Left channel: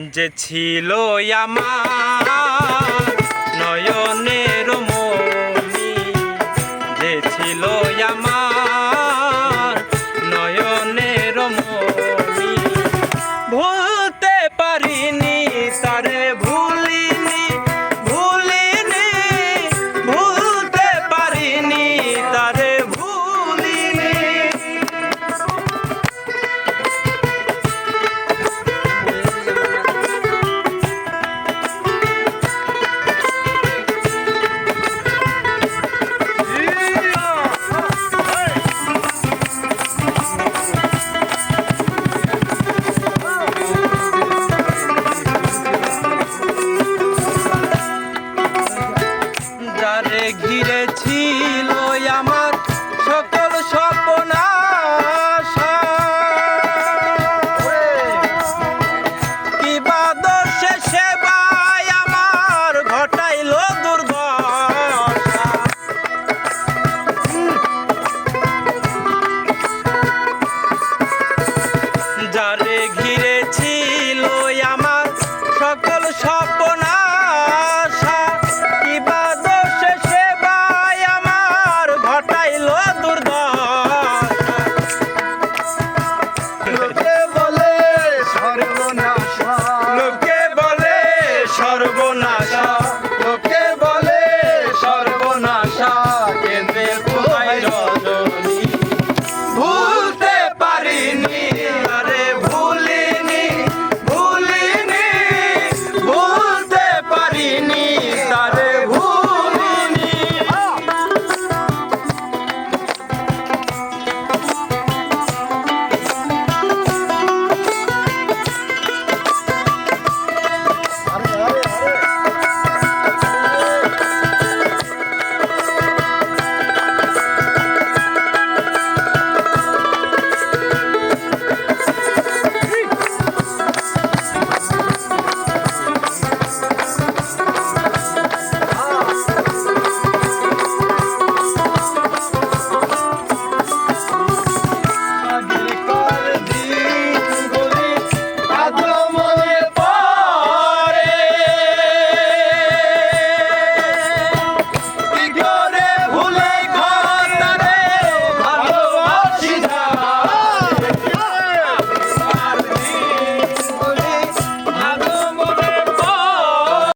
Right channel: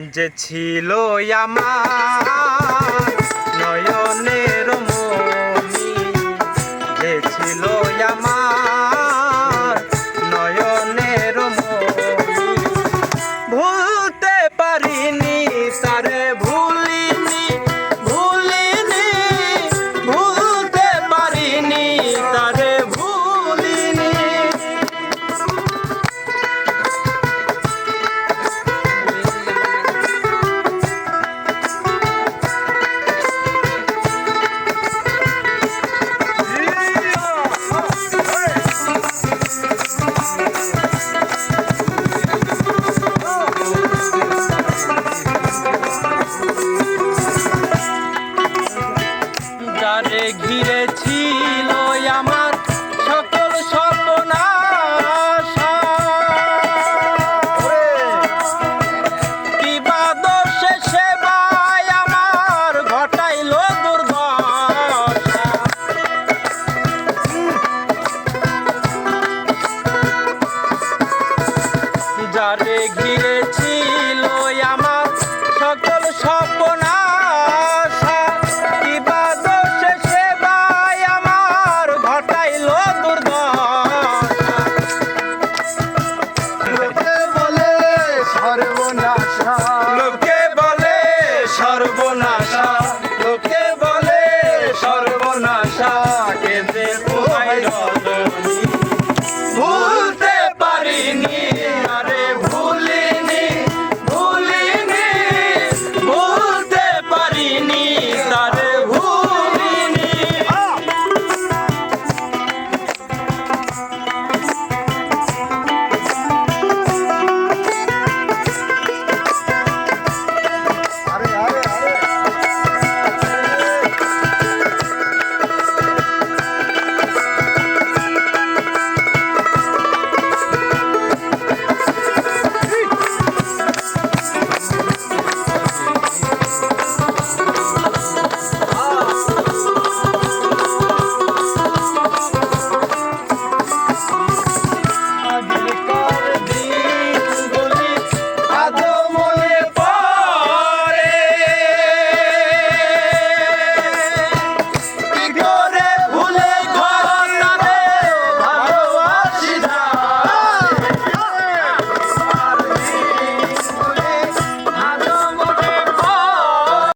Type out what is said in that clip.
যে ছিল আমার নয়নের মনি যে ছিল আমার নয়নের মনি। ভুলতে পারিনি তারে যারে ঘিরে Yeah.